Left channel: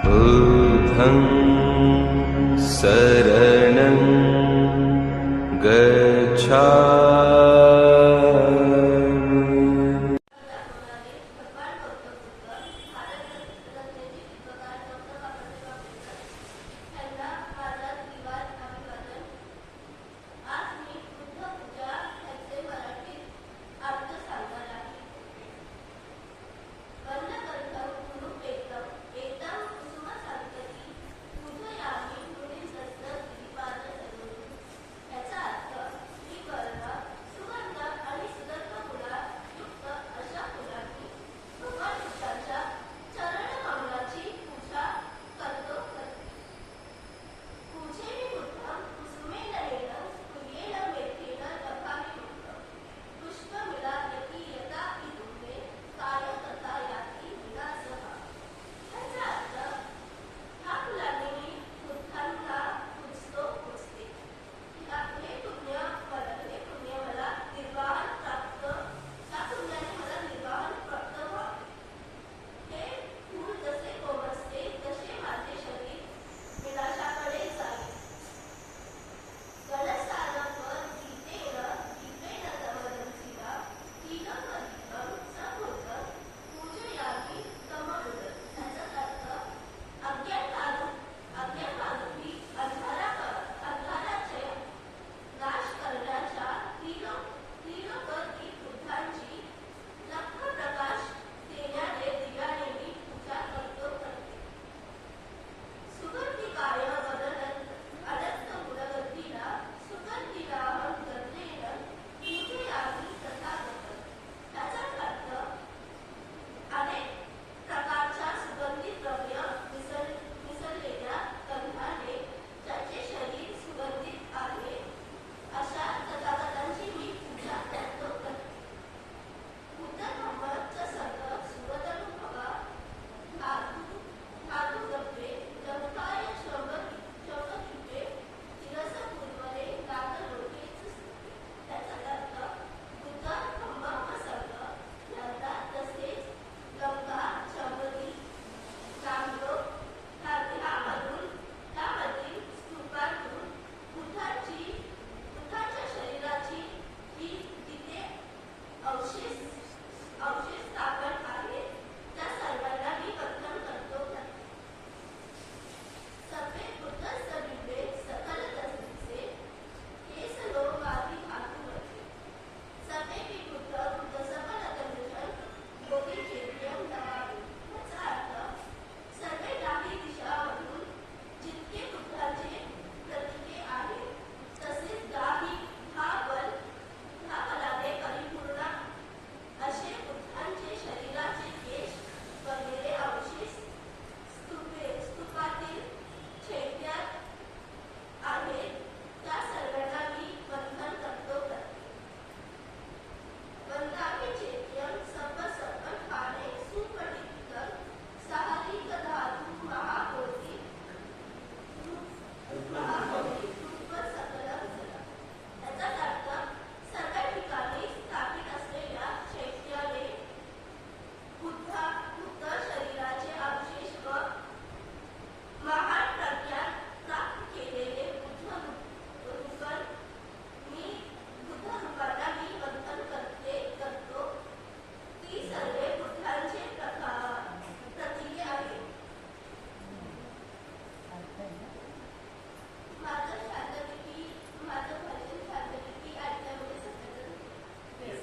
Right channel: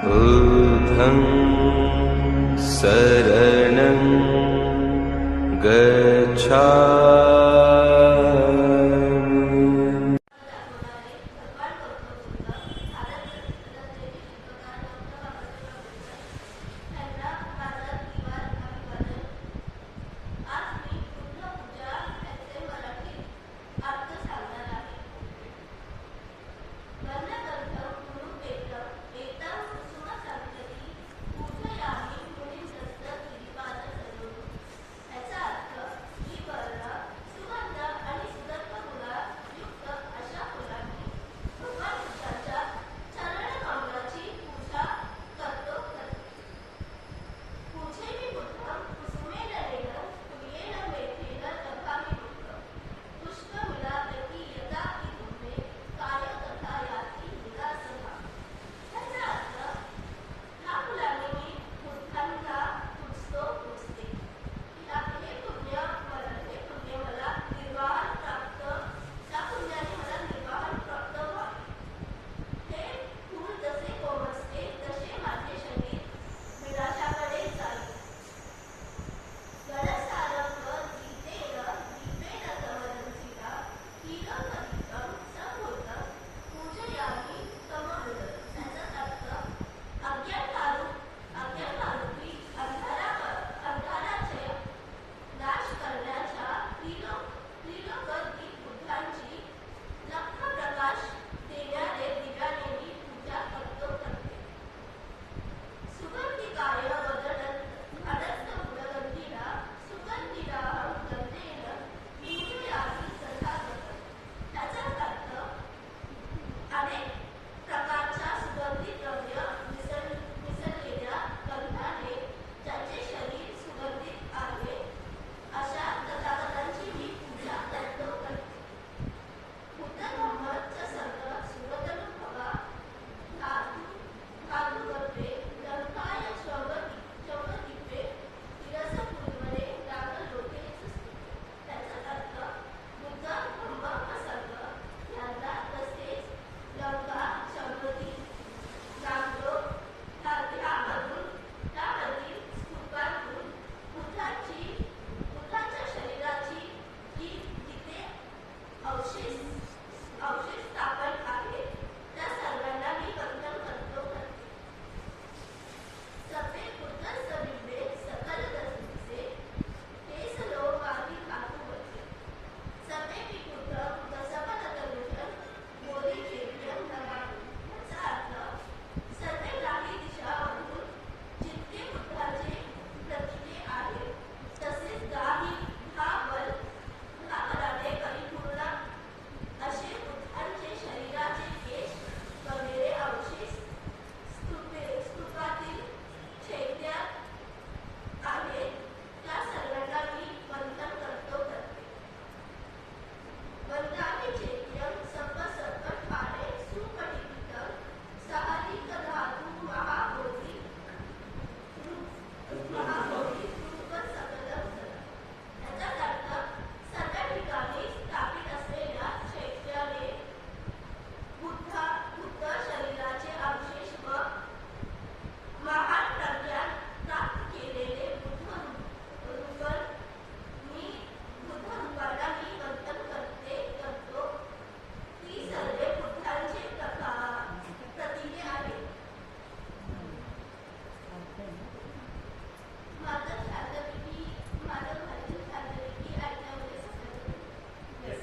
बुधम् शरणं गच्छ